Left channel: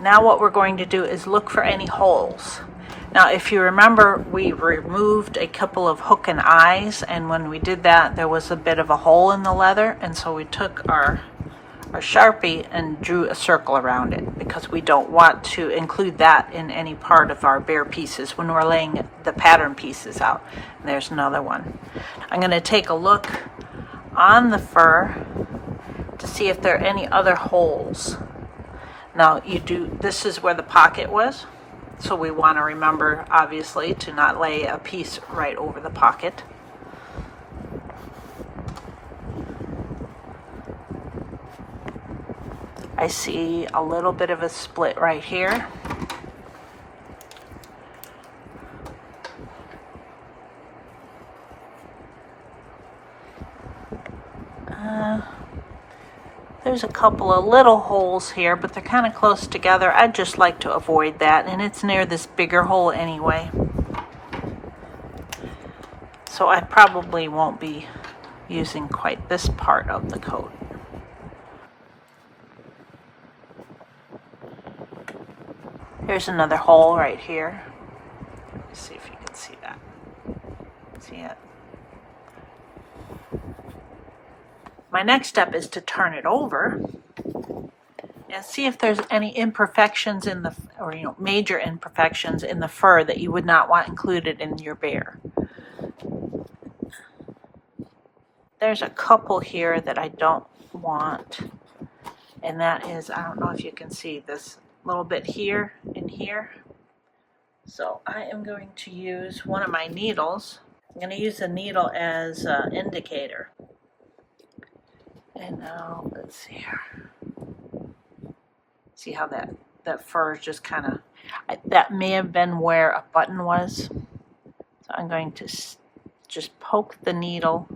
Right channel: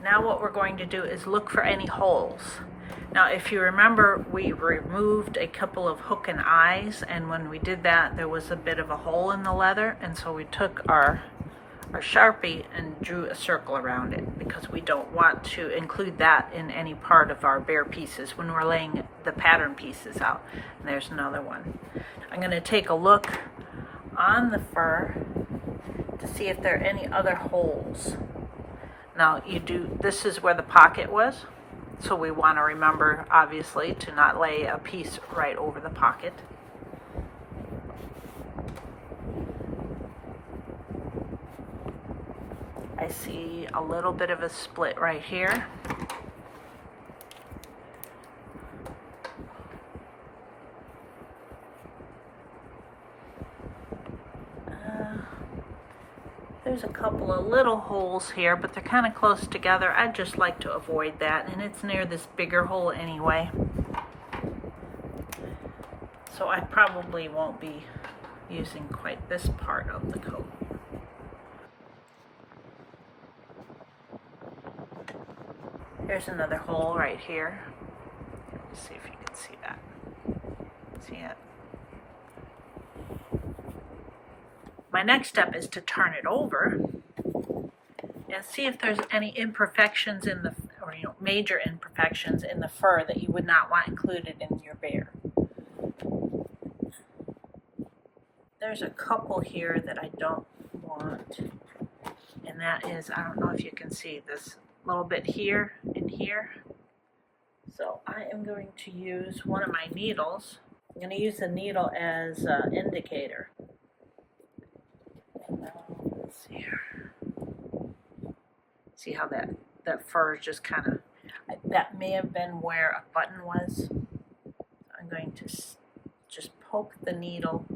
Now what we're going to do is look for any holes. Now if you remember, we removed a couple of hook and eyes, and when we did that there was a bit of a hole in the leather, and so we took our Sharpie and drew a circle around it, because we don't want to include that in any part of our bear pieces when we're laying the pattern pieces out. And there's another one. I'm going to take a look on the fur to see if there are any other holes. Now this is where the pocket was, so we want to remember obviously to not lay a piece right over the pocket. I see a little bit of a split right here. There's a couple of little holes here, but they're kind of close together. I'd just like to avoid that, and it's near this bigger hole anyway. So I probably won't be using quite this part of the coat. Here's another hole right here. Let's see if you can see that. See it? My next step is to turn it over and see if there's any imperfections in the, or major imperfections in the fur that you would not want included in your bear. There's a couple here that I don't want, and that is, I don't know if you can see this little bit here and here. So I am going to use one of my needles. I'm going to use the needle as an indicator. And now let's see here. See how that fur is just kind of, that may have been where a button was. So I'm going to just poke the needle,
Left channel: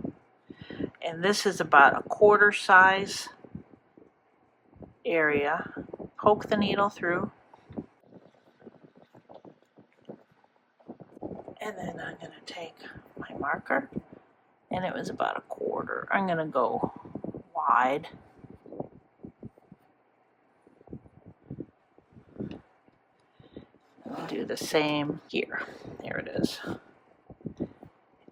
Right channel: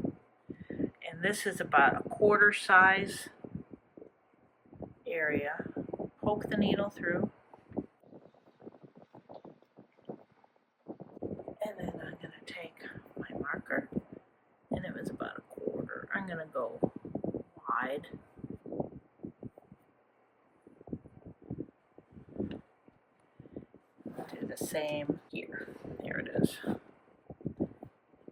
and this is about a quarter size area. Poke the needle through, and then I'm going to take my marker, and it was about a quarter. I'm going to go wide. Do the same here. There it is.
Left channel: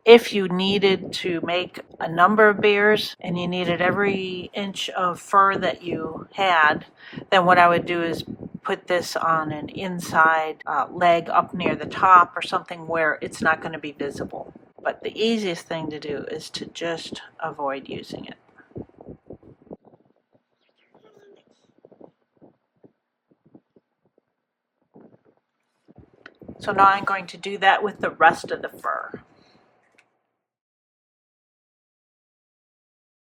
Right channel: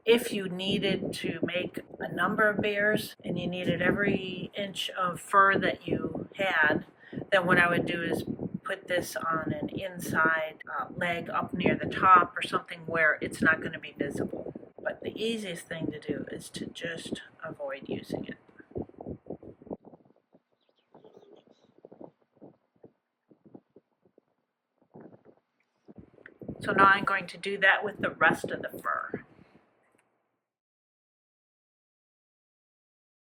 If you needed to make a number of bears and you needed every inch of fur that you had, then what I would do is put this on an inside leg up near the top or something where it's not going to be visible. But the easiest thing to do is to just avoid using it. So now I'm going to do that with the rest of the fur.